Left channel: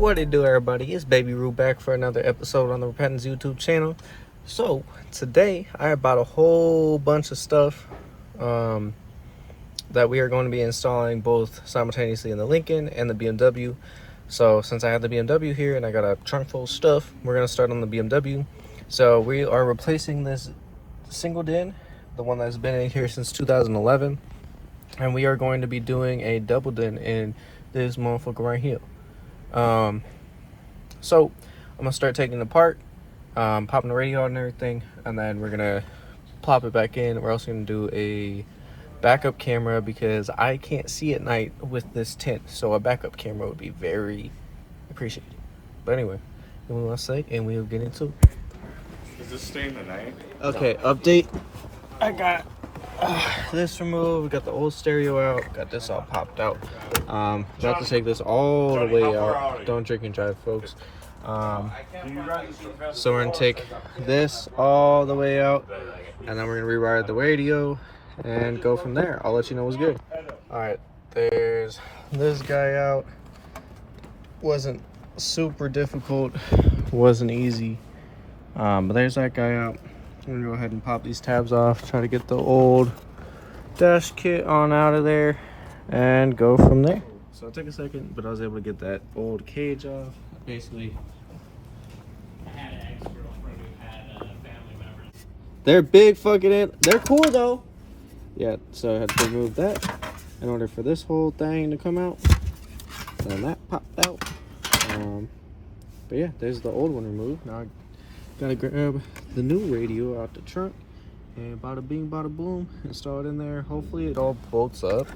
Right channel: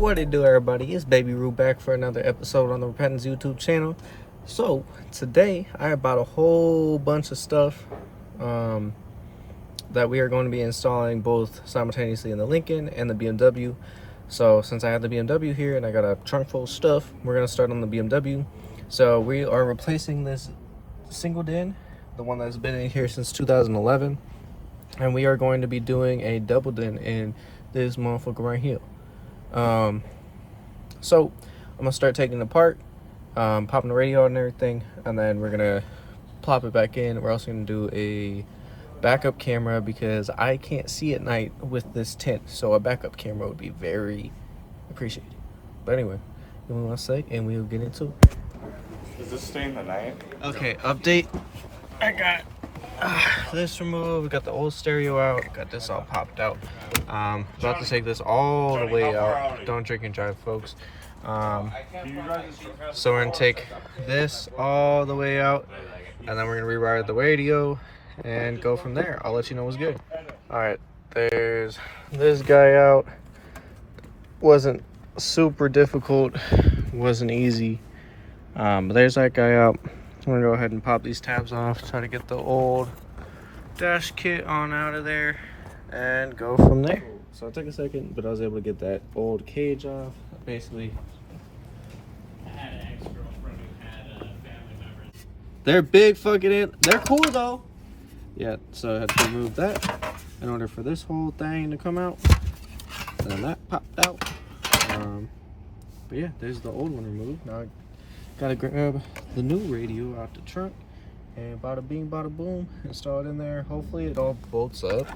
What it do, everybody? It's Baby Roo back for another episode on the Repentance YouTube channel. So today I bought a whole bunch of stuff that we are going to be installing both simultaneously in the Lincoln and the BMW. So since I have the BMW here and I got a trunk full of stuff, we're going to start on the BMW. So we are replacing this single din, the one that's been in here since 2011, and we are going to be doing a double din in this motherfucker right here. So I'm gonna start taking it apart, popping the radio out and everything, and then we're gonna plop it back in. We're also gonna do a backup camera because I can't see at night with this tint, so a backup camera would be very appreciated. But anyway, give me 1 sec and we'll get into it. Does this stay in the night? Okay, update. I got this removed. We got the old stereo out. Got this all popped out. About to take this all the way out. Don't drink and drive, folks. So we're gonna take this all the way out, and then we're gonna rewire the radio and go from there. I'll let you know what's good. All right, there's this guy out. Wasn't super difficult. Wasn't easy. But there's that guy out. I'm gonna go ahead and pop these tabs off, try to get the old dash kit on out of there and go from there. So it took a second, but I was able to get that old cage off. Basically, I had an ex-girlfriend who had family members. they're big fucking they're cool though. Yeah, so I had to remove that in order for this whole thing to come out. And then that popped out. But yeah, there's the old one removed. Now I gotta grab the new radio out the trunk and bada bing bada boom, install it in there. Hopefully it all bolts up.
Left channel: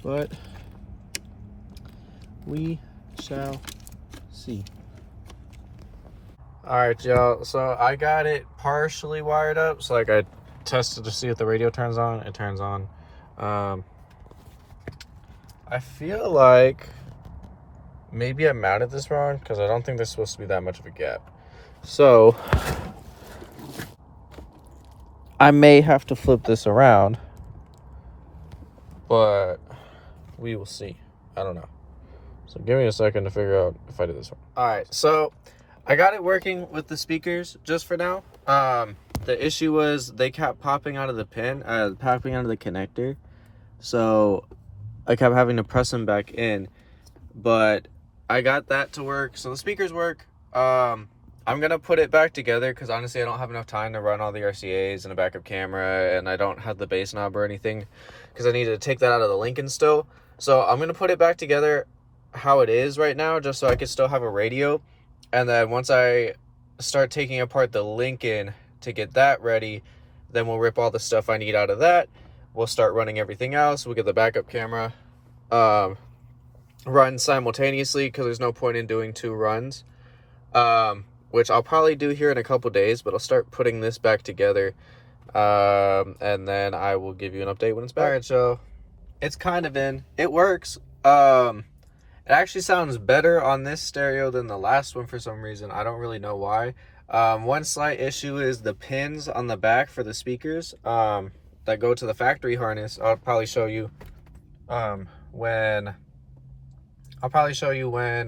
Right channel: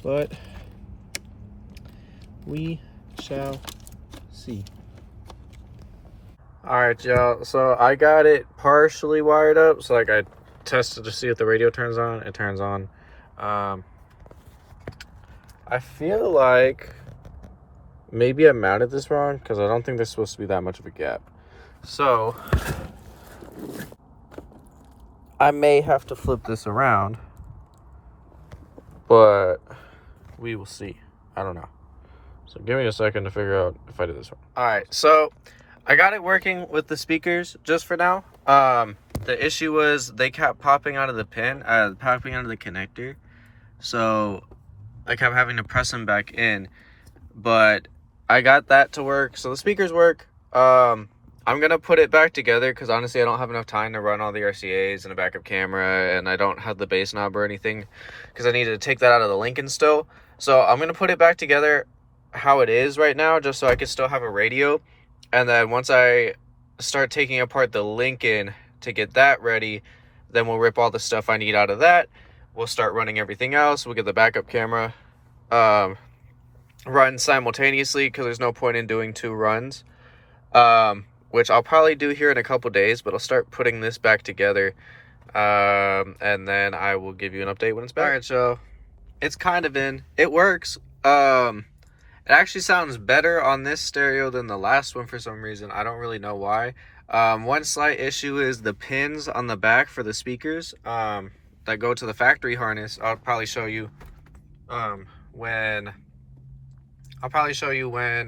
But we shall see. All right, y'all, so I got it partially wired up. So like I tested to see if the radio turns on. It turns on. I feel like maybe I mounted this wrong because I don't think there's supposed to be that much of a gap. So I may have to flip this around, but we will see. I don't know. So give me a second to figure out if I did this wrong. All right, so I got it working with the speakers just for now. The issue was they kept popping out of the pin, popping out of the connector. So I kept having to press them back in, but I got that to work. So the speakers work. I'm gonna put it back together because honestly I don't have enough time to run all the RCAs and a backup camera, and I don't have the bass knob or anything because I needed to take that out of the Lincoln still. So I'm gonna put it back together how it is right now, just so I could still have a radio. And then once I start taking apart the Lincoln to get that ready, then we'll rip all the stuff I need out of that. We'll start running everything else. We'll get the backup camera run simultaneously because there's no point in doing 2 runs, which I'll probably do here in a couple days, but I'll start putting this back together, and then I will give you an update when it's back. All right, so it's kind of in. It works. It actually sounds better on this stereo than the last one for some reason. I don't really know why. One slight issue is the pins on the back for the speakers that go to the factory harness. I'll probably show you when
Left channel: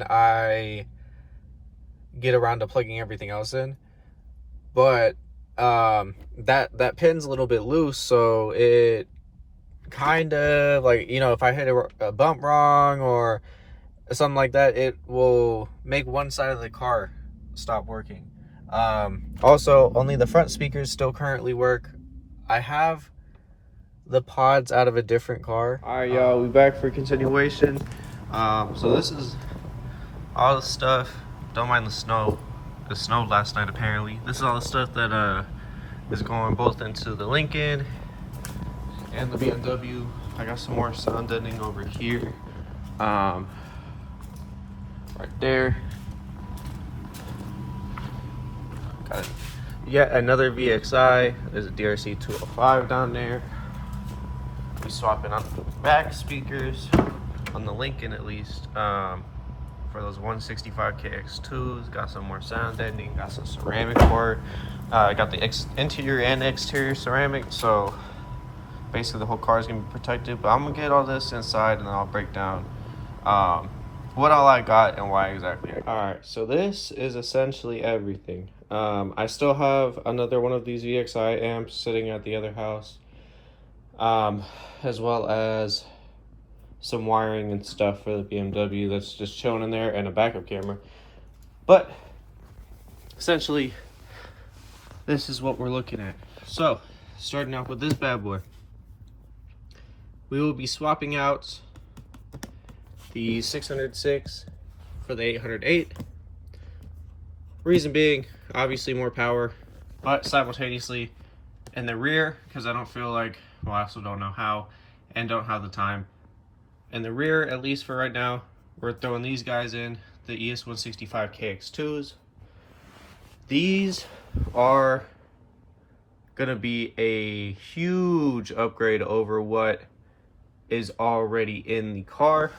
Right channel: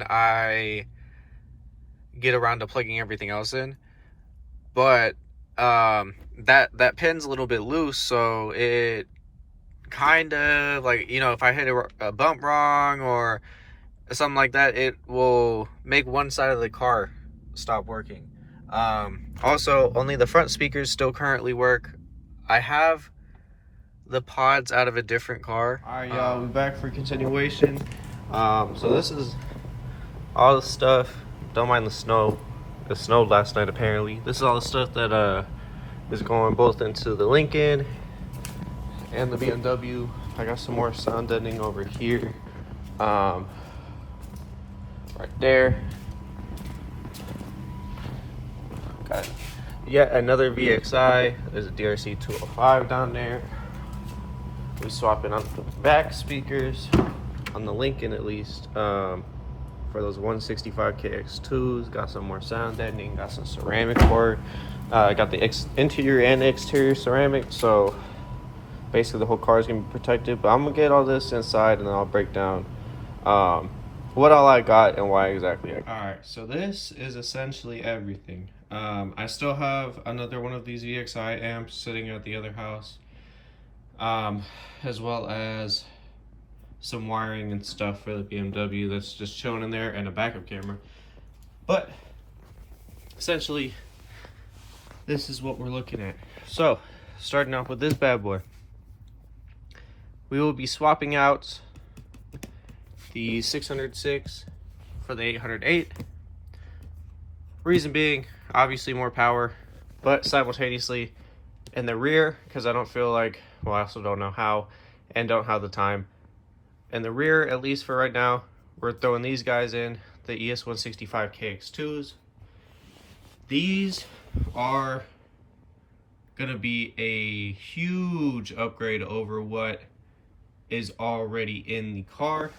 I get around to plugging everything else in. But that pin's a little bit loose, so it kind of like, you know, if I hit a bump wrong or something like that, it will make one side of the car stop working. Also, only the front speakers still currently work. I have the pods out of a different car. All right, y'all, we back for continuation. So this is all the stuff. Don't mind the snow. It snowed last night apparently. This is all the stuff that is going both into the Lincoln and the BMW. I got some more sound deadening over here. Right there. Got yet another VXI. There's a DRC 205 down there. We're swapping out the back speakers on the Lincoln, at least, for those 165KX2s. Got some more sound deadening. Got some ceramic board. I got the interior and exterior ceramic, so basically the whole car is gonna be protected. But I'm gonna get all this inside and then I'll break down what all I got and why exactly I got. All right, so this is essentially everything. I still have another one of these VXI amps sitting at the other house, as well as some wiring and stuff for the BMW that's just chilling in there, and a backup camera. But essentially, this is what we're looking at. So, starting off with this bad boy, we will be swapping out the 606 for the 808. Reason being, obviously more power, but simultaneously in the rear, because I don't feel like, well, I also don't know how and don't have the time. In the rear, at least for right now, we're throwing these guys in, the ES165 KX2s. These are gonna be a huge upgrade over what is already in the car.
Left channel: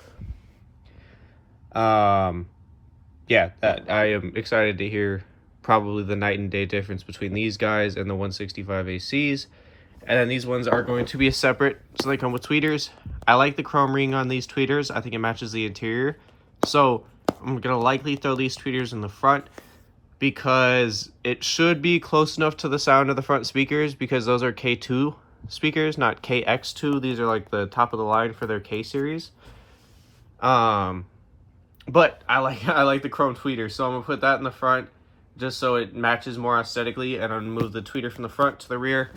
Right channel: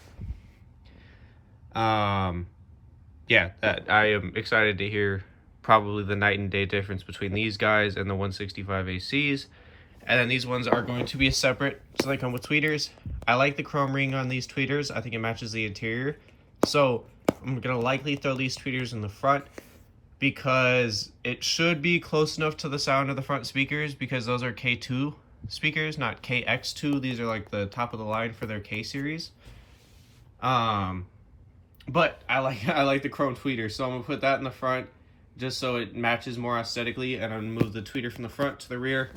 Yeah, that I am excited to hear probably the night and day difference between these guys and the 165 ACs. And then these ones are going to be a separate, so they come with tweeters. I like the chrome ring on these tweeters. I think it matches the interior. So I'm gonna likely throw these tweeters in the front because it should be close enough to the sound of the front speakers, because those are K2 speakers, not KX2. These are like the top of the line for their K series. But I like the chrome tweeter, so I'm gonna put that in the front just so it matches more aesthetically, and I'm gonna move the tweeter from the front to the rear.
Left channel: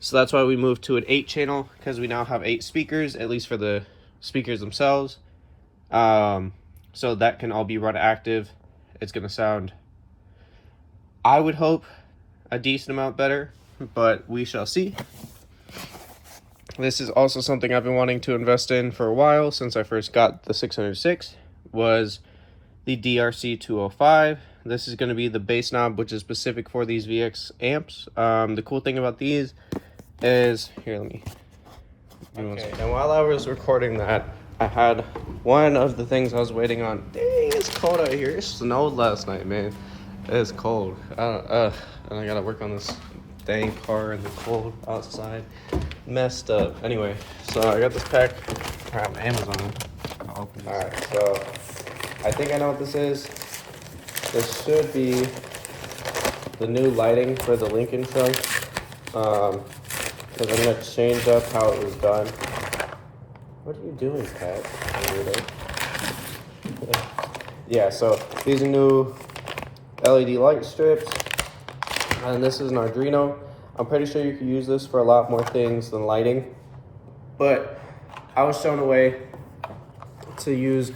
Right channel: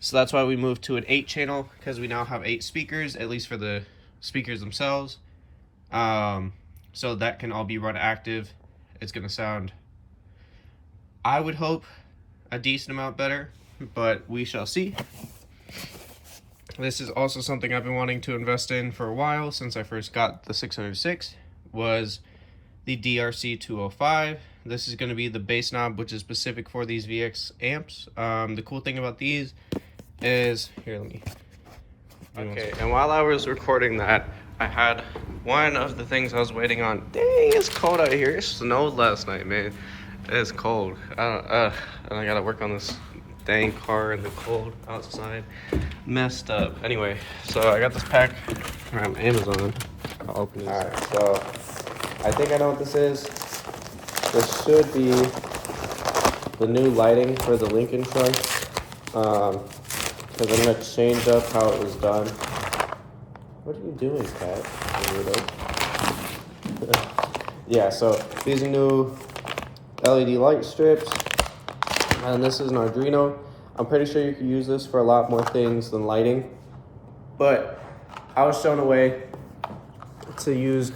So that's why we moved to an 8-channel, because we now have 8 speakers, at least for the speakers themselves. So that can all be run active. It's gonna sound, I would hope, a decent amount better, but we shall see. This is also something I've been wanting to invest in for a while since I first got the 606, was the DRC 205. This is going to be the bass knob, which is specific for these VX amps. The cool thing about these is, here, let me... Okay, and while I was recording that, I had one of the things I was waiting on. Dang, it's cold out here. It snowed last night, man. It's cold. And I gotta work on this dang car in the cold outside. Messed up. Anyway, so I got this pack from Amazon. I'll open this. Alright, so I think I know what this is. This should be the new lighting for the Lincoln trunk. Because I'm gonna change up how it was done. What are you doing, Pat? Yeah, so these are new LED light strips, and this is an Arduino. I'm pretty sure you can use this for a lot more things than lighting, but I was shown a way to use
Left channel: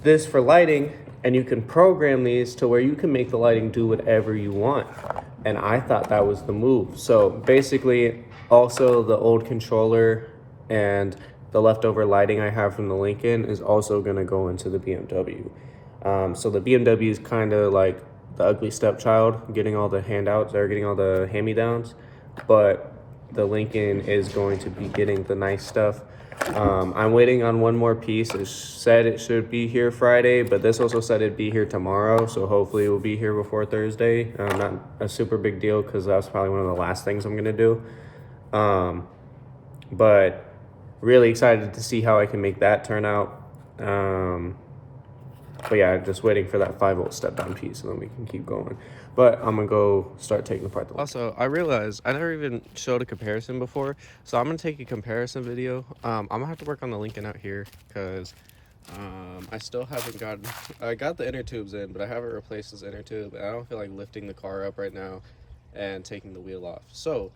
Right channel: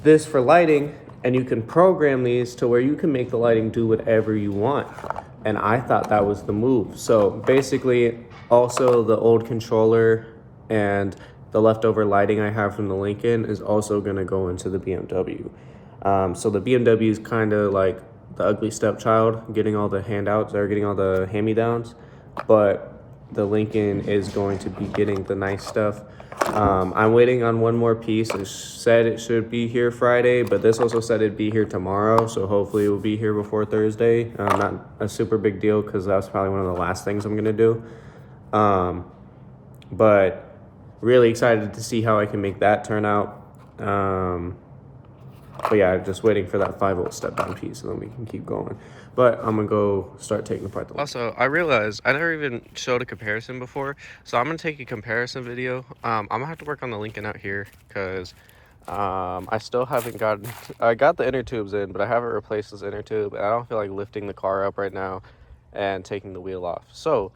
this for lighting, and you can program these to where you can make the lighting do whatever you want, and I thought that was the move. So basically, also the old controller and the leftover lighting I have from the Lincoln is also going to go into the BMW. So the BMW is kind of like the ugly stepchild, getting all the handouts, or getting all the hand-me-downs, but the Lincoln is going to be getting the nice stuff. I'm waiting on one more piece. It said it should be here Friday, but this also said it'd be here tomorrow, so hopefully it will be here before Thursday. Not a super big deal, because that's probably one of the last things I'm gonna do. But really excited to see how I can make that turn out. But yeah, just waiting for that 5-volt step-down piece, and then we can keep going. But I'm gonna go start taking apart the Lincoln. Also, I realized I never even showed a comparison before, so I'm gonna take a comparison video. I'm gonna have to work on the Lincoln out here, because I still haven't gotten, I got the inner tubes in, but I haven't replaced this inner tube, and I don't feel like lifting the car up right now and taking the wheel off. So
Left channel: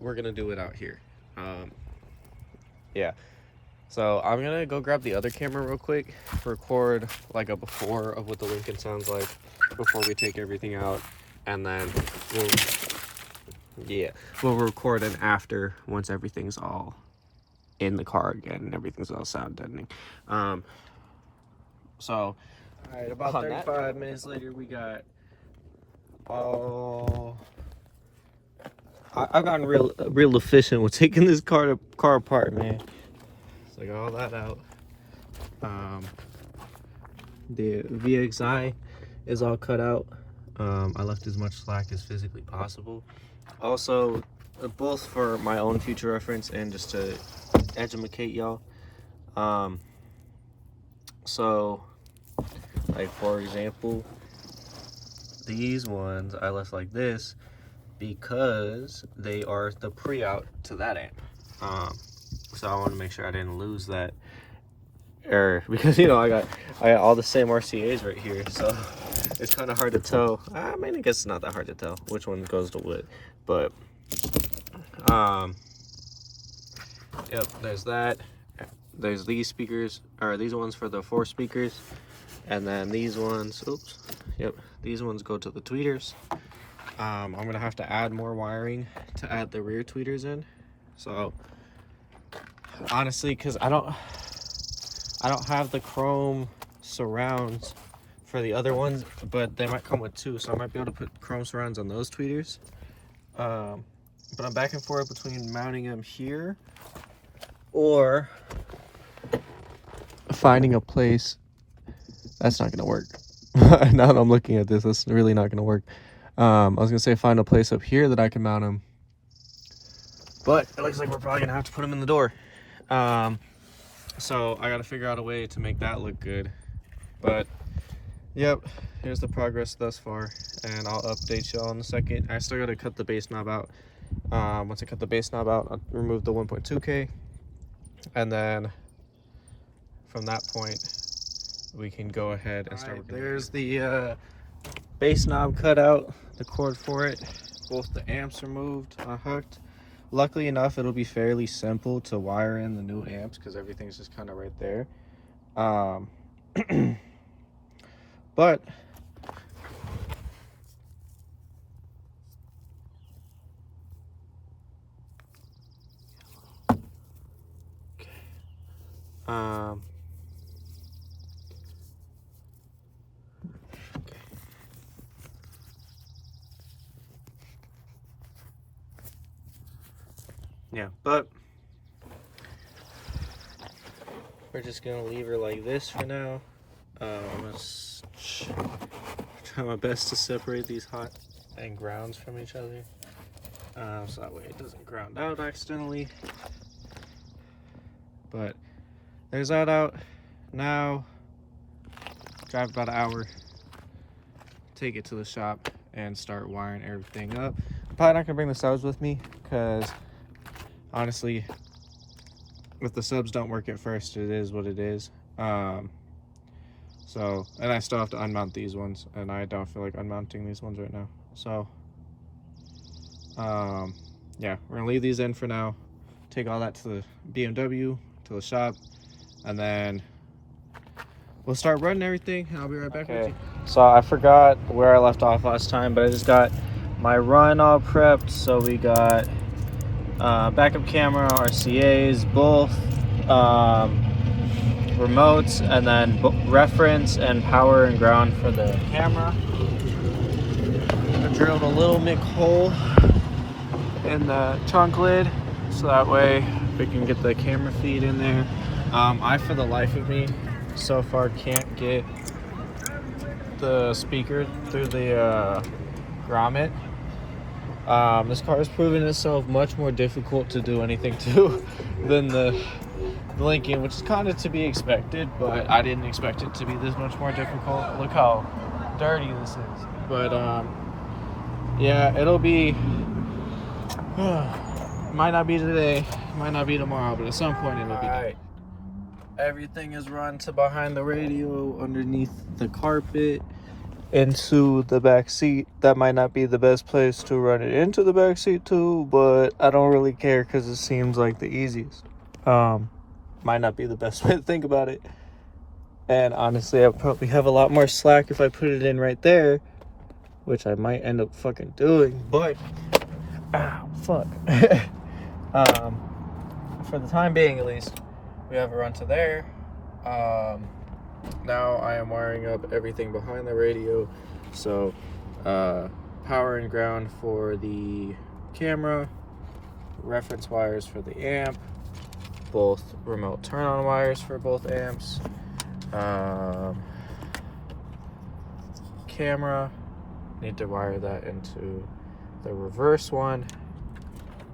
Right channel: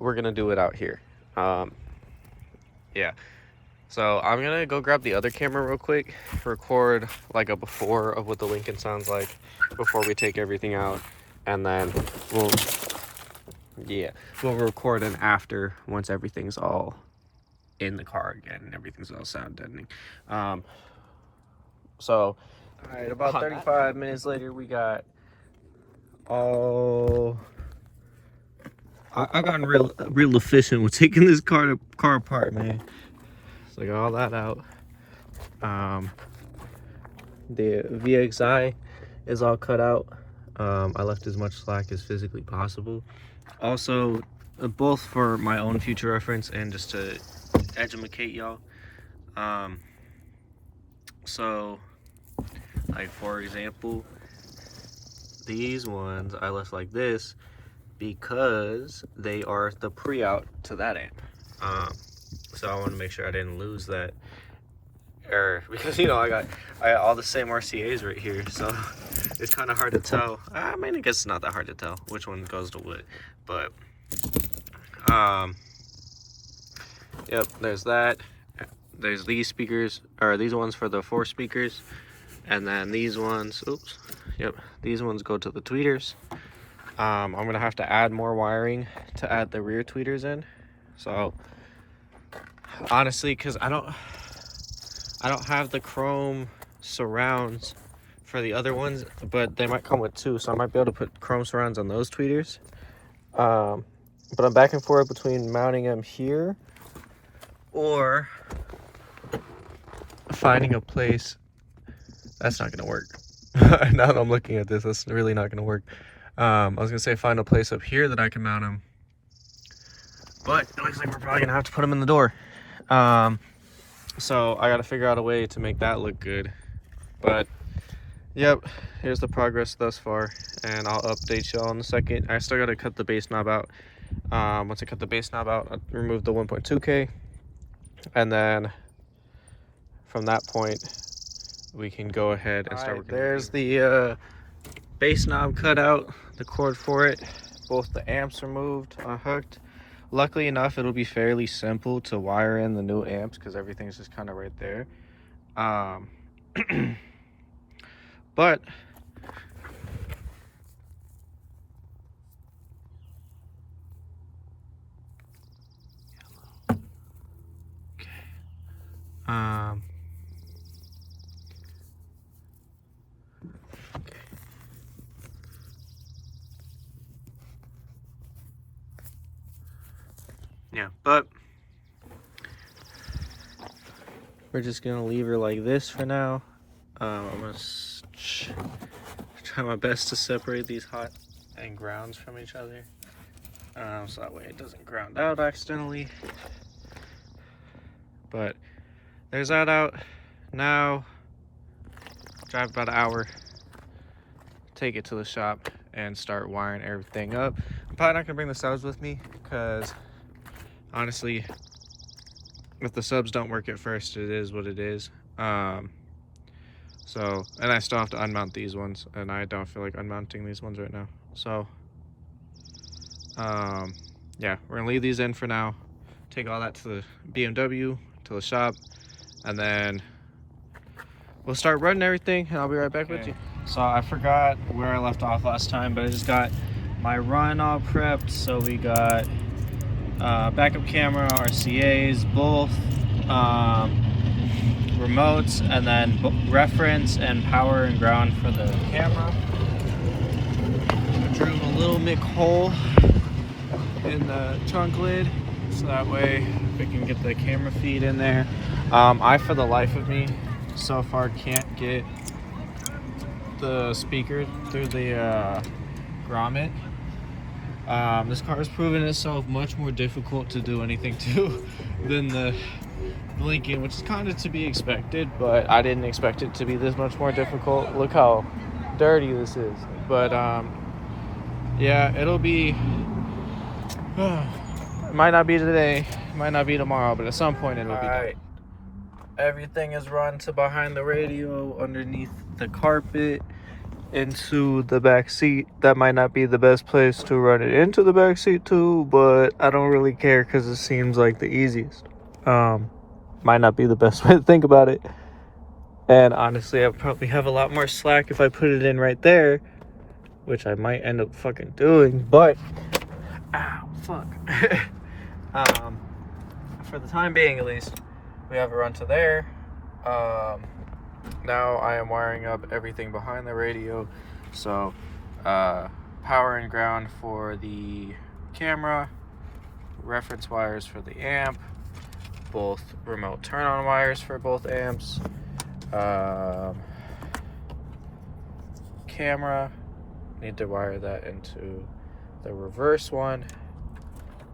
we're gonna do it out here. Yeah. So I'm gonna go grab the other camera real quick, record like a before of what the Lincoln sounds like before we take everything out, and then we'll record an after once everything's all in the car again and everything's all sound deadening. So, all right, about 35 minutes later, we got I've gotten real efficient with taking this car apart, man. So I got all that out. The VXI is all cut out. I left as much slack as physically possible. Also, both for my own future reference and just to educate y'all. So Like for example, these ones I left like this because they are the pre-out to that amp. So I want to make sure I didn't lose that, or because you know I got all the same RCAs right here, so it's kind of hard to tell. I mean, I guess it's not that hard to tell which one goes to what, but yep, there's that. There's these speakers, or these ones for the 4 speakers, and then these ones, oops, yep, these ones go to the tweeters. I'm gonna have to add more wiring to add the rear tweeters in. So honestly, because I don't have the chrome surrounds for the other ones, but they might come with 2, so I might be able to put chrome surrounds on those tweeters. But I'm back and forth between mounting them here or finding a place. That's not gonna work. Now that I'm looking at this, that's really not gonna work. I was gonna say find a place up here that I can mount them, but it looks like we're probably gonna have to put them in the door. So I gotta figure out a way to make that look good. But yep, here's the progress thus far, and I'll update y'all in a second. I still gotta cut the bass knob out. Once I cut the bass knob out, I'll remove the 1.2K, and then from that point we can go ahead and start working. There's the bass knob cut out, the cord for it, both the amps removed, unhooked. Luckily enough, it'll be fairly simple to wire in the new amps because everything's just kind of right there. But yeah, but we're just gonna leave her like this for now. I'm gonna try my best to separate these hot and grounds from each other, so that way it doesn't ground out accidentally. But there's that out. Now drive about an hour, take it to the shop and start wiring everything up. I'm probably not gonna bring the subs with me because honestly, if the subs don't work at first, it is what it is. So, and I still have to unmount these ones, and I don't feel like unmounting these ones right now. So, yeah, we're gonna leave these in for now. Take all that to the BMW, to the shop, and then we'll start running everything, and I'll be right back with you. So I forgot where I left off last time, but I just got my run all prepped. So we got backup camera, RCAs, both remotes, and then reference and power and ground for the camera. I drilled a little Mick hole in the trunk lid so that way we can get the camera feed in there. I, for the life of me, so far can't get the speaker through the grommet. This car has proven itself much more difficult to do anything to than the Lincoln, which is kind of to be expected, but I didn't expect it to be this much more difficult. Look how dirty this is. But yeah, it'll be might not be today, might not be tomorrow, but at some point it'll be done. Everything is run to behind the radio, underneath the carpet, into the back seat. That might not be the best place to run it into the back seat too, but I don't really care because it seems like the easiest. Might not be the best way to think about it, and honestly I probably have a lot more slack if I put it in right there, which I might end up fucking doing, but fuck. For the time being at least, we have a run to there. Now I am wiring up everything behind the radio, so power and ground for the camera, reference wires for the amp, both remote turn on wires for both amps, camera, need to wire that into the reverse one.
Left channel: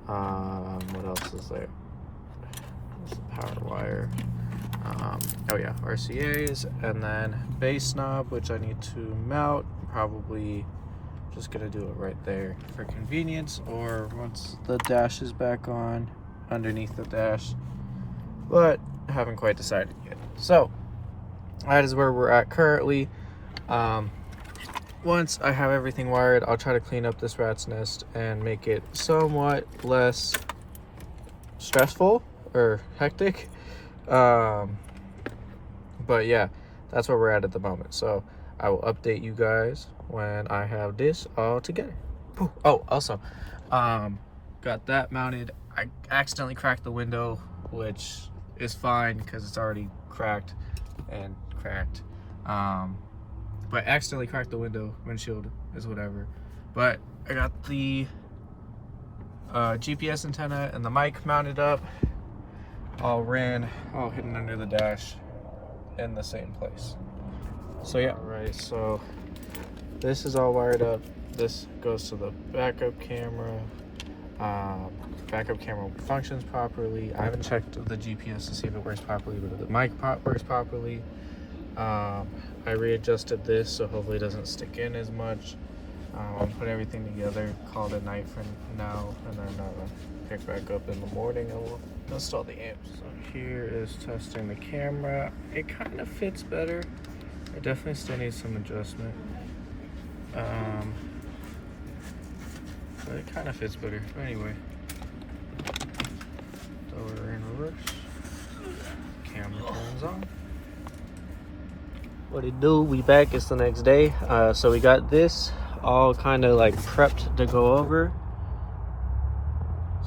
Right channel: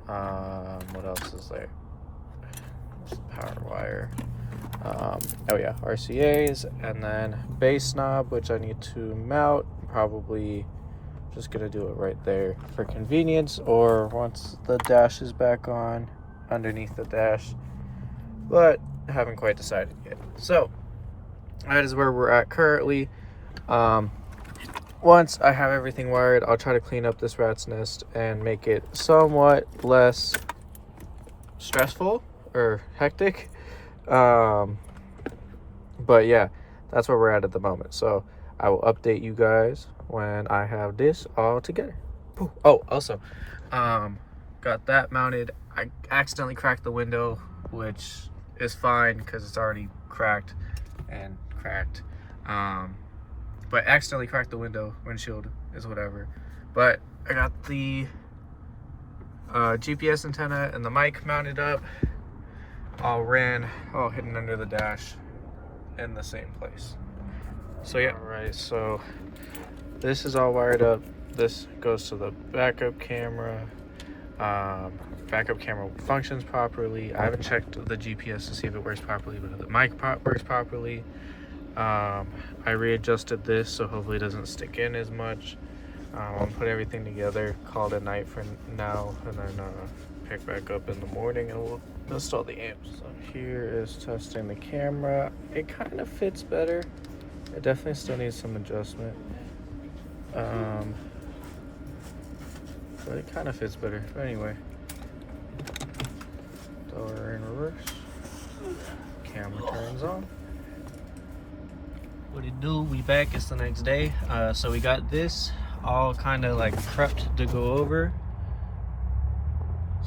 What else is there? There's the power wire. Oh yeah, RCAs, and then bass knob, which I need to mount. Probably just gonna do it right there for convenience, or once the dash is back on, underneath the dash, but I haven't quite decided yet. So that is where we're at currently. Once I have everything wired, I'll try to clean up this rat's nest and make it somewhat less stressful or hectic. But yeah, that's where we're at the moment. So I will update you guys when I have this all together. Oh, also, got that mounted. I accidentally cracked the window, which is fine because it's already cracked and cracked. But accidentally cracked the windshield is whatever. But I got the GPS antenna and the mic mounted up, all hidden under the dash in the same place. So yeah, all right, so this is all wired up. This goes to the backup camera. Backup camera functions properly. I haven't checked the GPS to see if it works properly, but the mic works properly. I readjusted this so hopefully it doesn't stick in as much. I'll put everything together, call it a night for now, and then pick back up in the morning and we'll install the amps. So here is testing the camera. It kind of fits better. It definitely still needs some adjustment. But it kind of fits better. But anyway, door in reverse. Camera turns on. What it do? We back. It's the next day. So we got this all kind of like prepped to go over.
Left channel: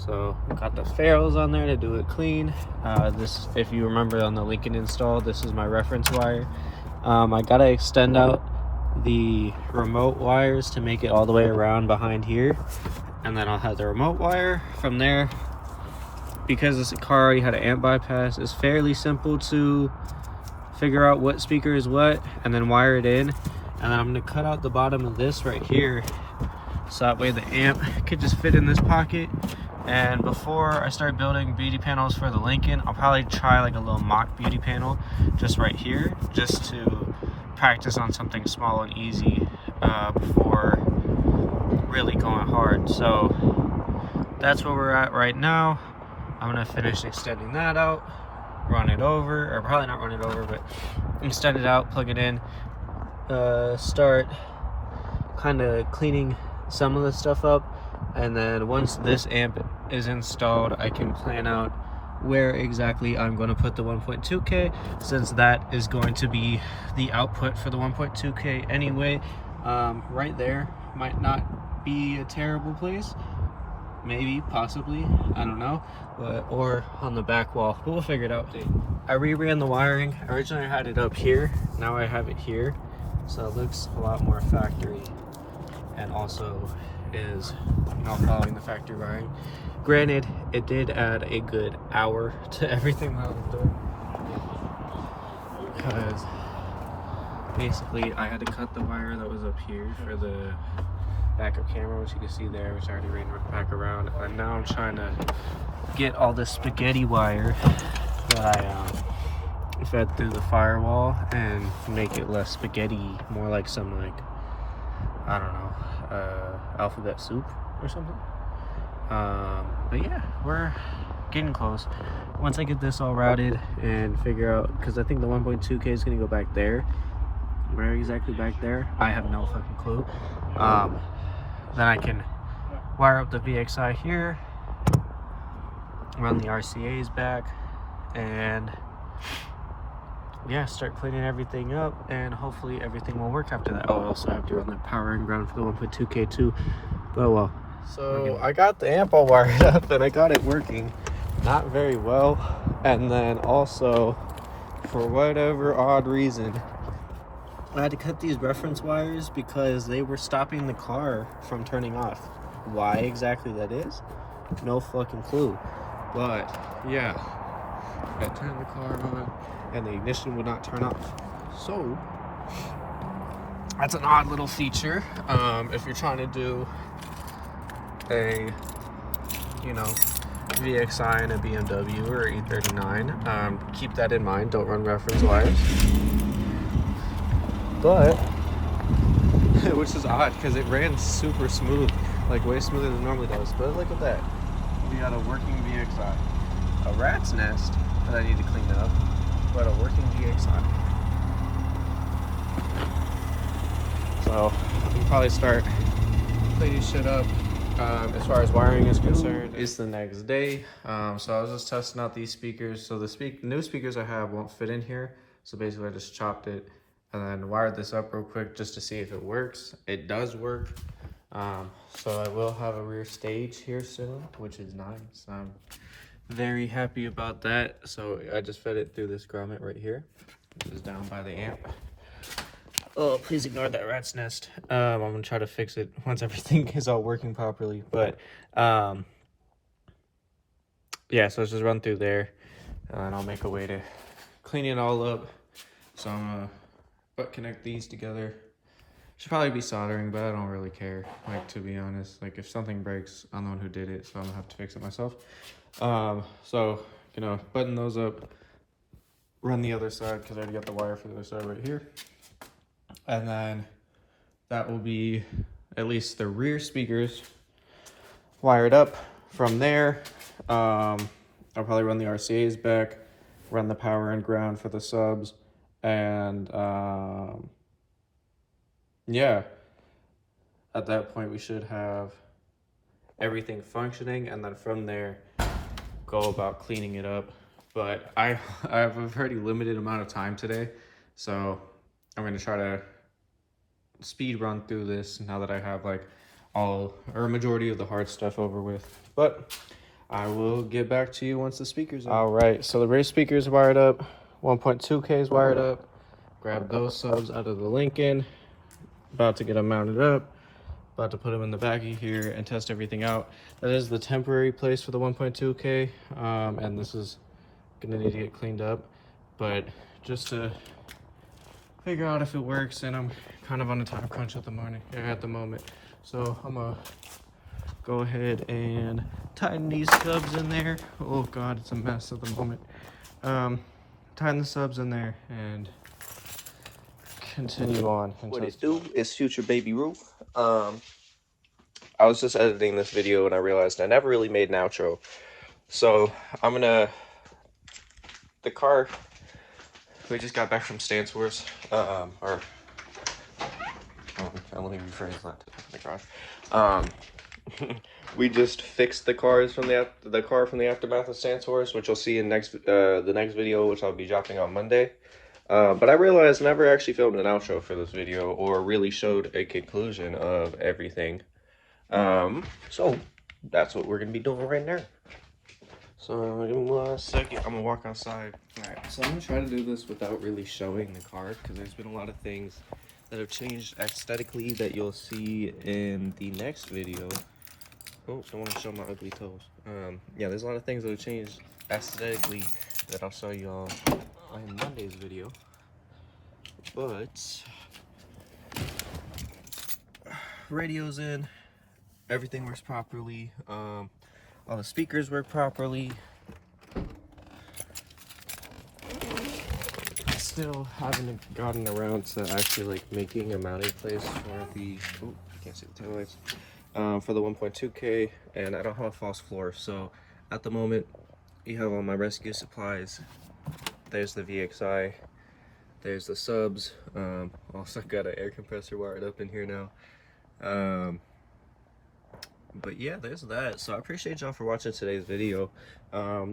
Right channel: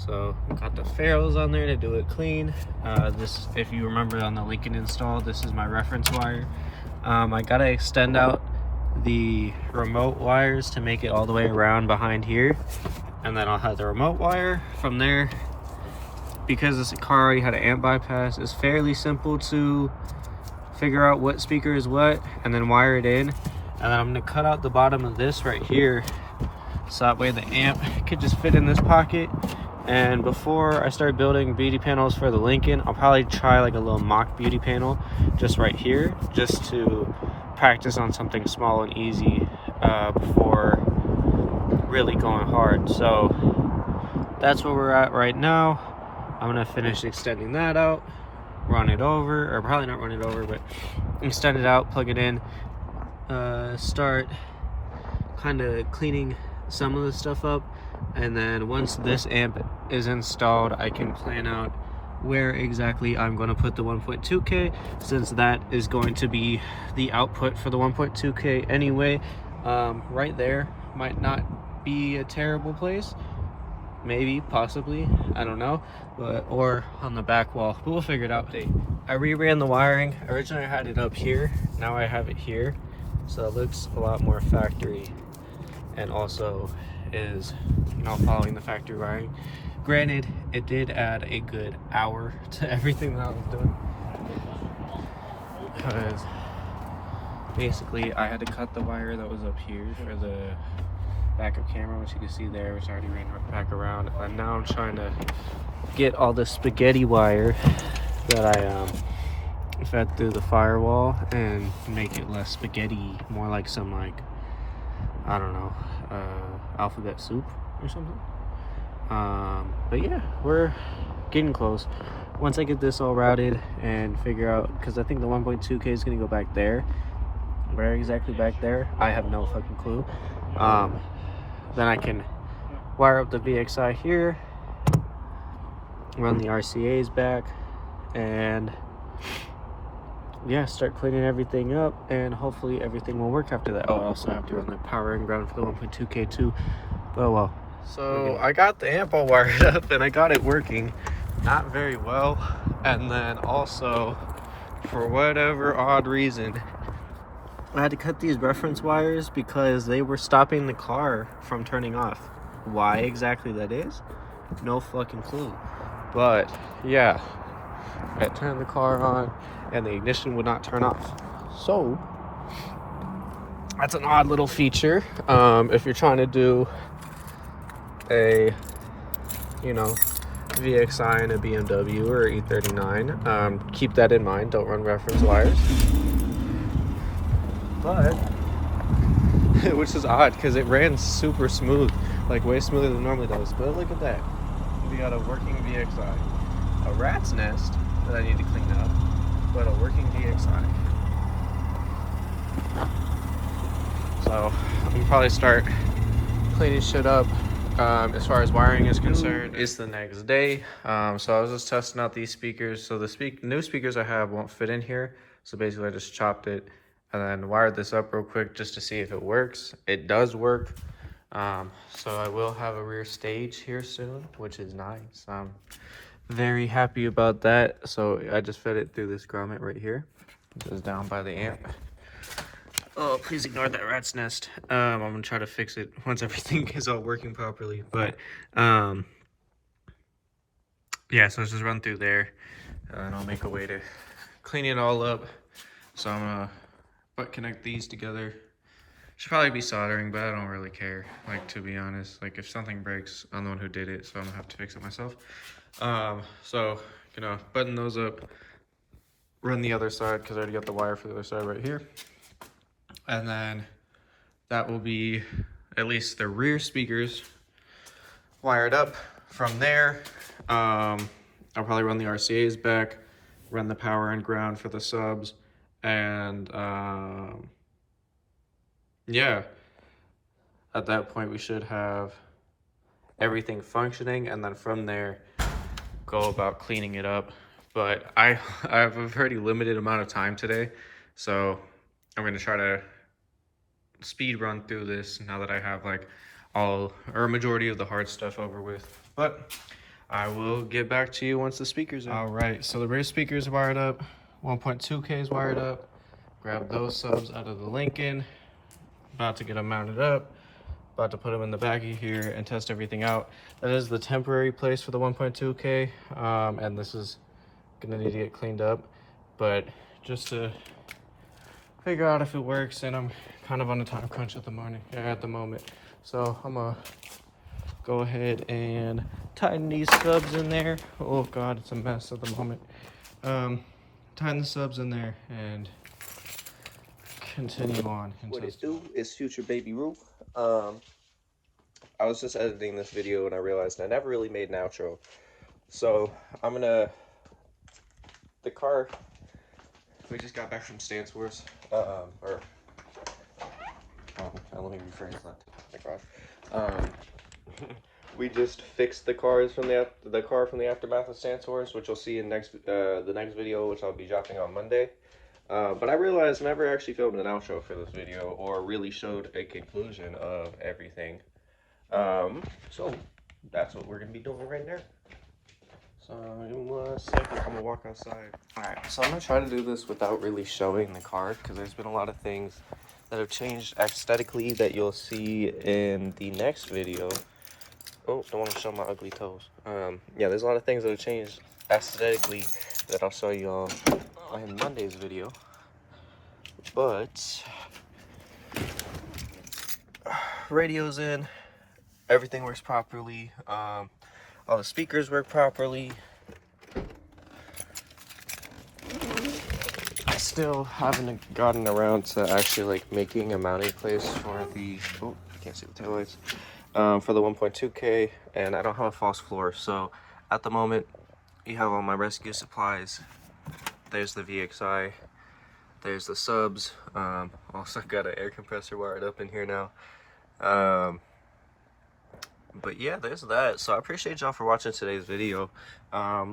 So we got the ferrules on there to do it clean. This, if you remember on the Lincoln install, this is my reference wire. I gotta extend out the remote wires to make it all the way around behind here, and then I'll have the remote wire from there. Because this car already had an amp bypass, it's fairly simple to figure out what speaker is what and then wire it in. And then I'm gonna cut out the bottom of this right here so that way the amp could just fit in this pocket. And before I start building beauty panels for the Lincoln, I'll probably try like a little mock beauty panel just right here, just to practice on something small and easy before really going hard. So that's where we're at right now. I'm gonna finish extending that out, run it over, or probably not run it over, but extend it out, plug it in, start kind of cleaning some of the stuff up. And then once this amp is installed, I can plan out where exactly I'm going to put the 1.2K, since that is going to be the output for the 1.2K anyway. Right there might not be a terrible place, maybe, possibly, I don't know, but or on the back wall, but we'll figure it out. I reran the wiring. Originally I had it up here, now I have it here, so it looks a lot more factory, and also is, you know, following the factory wiring. Granted, it did add a good hour to everything that I was doing, because basically I had to cut the wire that was up here for the backup camera, which you can see there, which I already ran back around, and now I'm trying to get all the spaghetti wire that I fed through the firewall and make it less spaghetti, more like some, like, I don't know, alphabet soup or something. But yeah, we're getting close. Once I get this all routed and figure out, because I think the 1.2K is going to go back there, where exactly back there, I have no fucking clue. Then I can wire up the VXI here, run the RCAs back, and yeah, start cleaning everything up, and hopefully everything will work after that. Oh, I also have to run the power and ground for the 1.2K too. Oh well. So I got the amp all wired up and I got it working, not very well. And then also, for whatever odd reason, I had to cut these reference wires because they were stopping the car from turning off. Why exactly that is, no fucking clue. But yeah, I turned the car on and the ignition would not turn off. So that's an odd little feature. If you're trying to do a, you know, VXI in a BMW or e39. Keep that in mind. Don't run reference wires. But, which is odd because it ran super smooth, like way smoother than it normally does. But look at that. We got a working VXI. A rat's nest that I need to clean up, but a working VXI. So I can probably start cleaning shit up. As far as wiring is concerned, it's the next day. So I was just testing out these speakers. So the new speakers I have won't fit in here. So basically I just chopped it and then wired this up real quick just to see if it works. It does work. So I will have a rear stage here soon, which is nice. I'm very happy about that. So I just fed it through this grommet right here. It's down by the amp. Oh, please ignore that rat's nest. I'm gonna try to fix it once everything is all working properly. But yeah, so let's just run through there and I'll make a way to clean it all up. So I'm gonna butt connect these together. Should probably be soldering, but I don't really care. Like, to be honest, like if something breaks, I'm the one who did it, so I'm gonna have to fix it myself. So, you know, button those up, run the other side because I already got the wire for the other side right here. And then that will be at least the rear speakers wired up. From there, I'll probably run the RCAs back, run the power and ground for the subs, and yeah, at that point we should have everything functioning, and then from there go about cleaning it up. But I have a pretty limited amount of time today, so I'm gonna try to speed run through this now that I have like all or a majority of the hard stuff over with. But I will get back to you once the speakers are. All right, so the rear speakers wired up, 1.2K is wired up. Grab those subs out of the Lincoln. About to get them mounted up. About to put them in the back of here and test everything out. That is the temporary place for the 1.2K, and this is gonna need to get cleaned up. But just to figure out if it works, and I'm kind of on a time crunch at the moment. So I'm gonna go ahead and tighten these subs in there. Oh god, it's a mess at the moment. Tighten the subs in there and continue on. What it do is Future Baby Roo. I was just editing this video and I realized I never really made an outro. So I'm gonna, the car, we just got back from stancewars, let me rephrase that. Oh my gosh. We just fixed the cars from the car from the aftermath of stancewars, which you'll see in the next video, which I'll be dropping on Monday. But I realized I never actually filmed an outro for this video or really showed a conclusion of everything. So that's what we're gonna be doing right now. So give me 1 second, I'm gonna walk outside. Alright, so I'm gonna try to do this without really showing the car because there's been a lot of things that have changed aesthetically that you'll see in the next video. Oh, don't want to show my ugly toes. Yeah, there's a lot of things that have changed aesthetically that I'll show you all in Monday's video. But radio's in, everything works properly, all the speakers work properly. I still haven't gotten around to actually like making a mounting place for the, oh, can't see the taillights, for the 1.2K, and I don't have a false floor. So at the moment you have all my rescue supplies. There's the VXI, there's the subs, also got an air compressor wired up in here now. But yeah, there's that. So I appreciate y'all for watching today's video.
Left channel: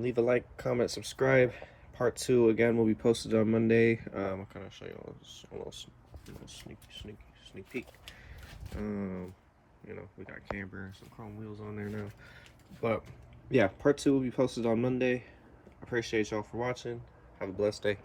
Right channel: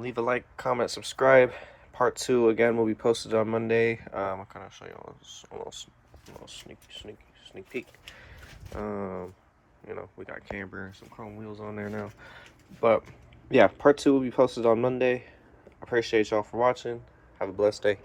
Leave a like, comment, subscribe. Part 2 again will be posted on Monday. I'll kind of show y'all a little sneak peek. You know, we got camber and some chrome wheels on there now. But yeah, part 2 will be posted on Monday. I appreciate y'all for watching. Have a blessed day.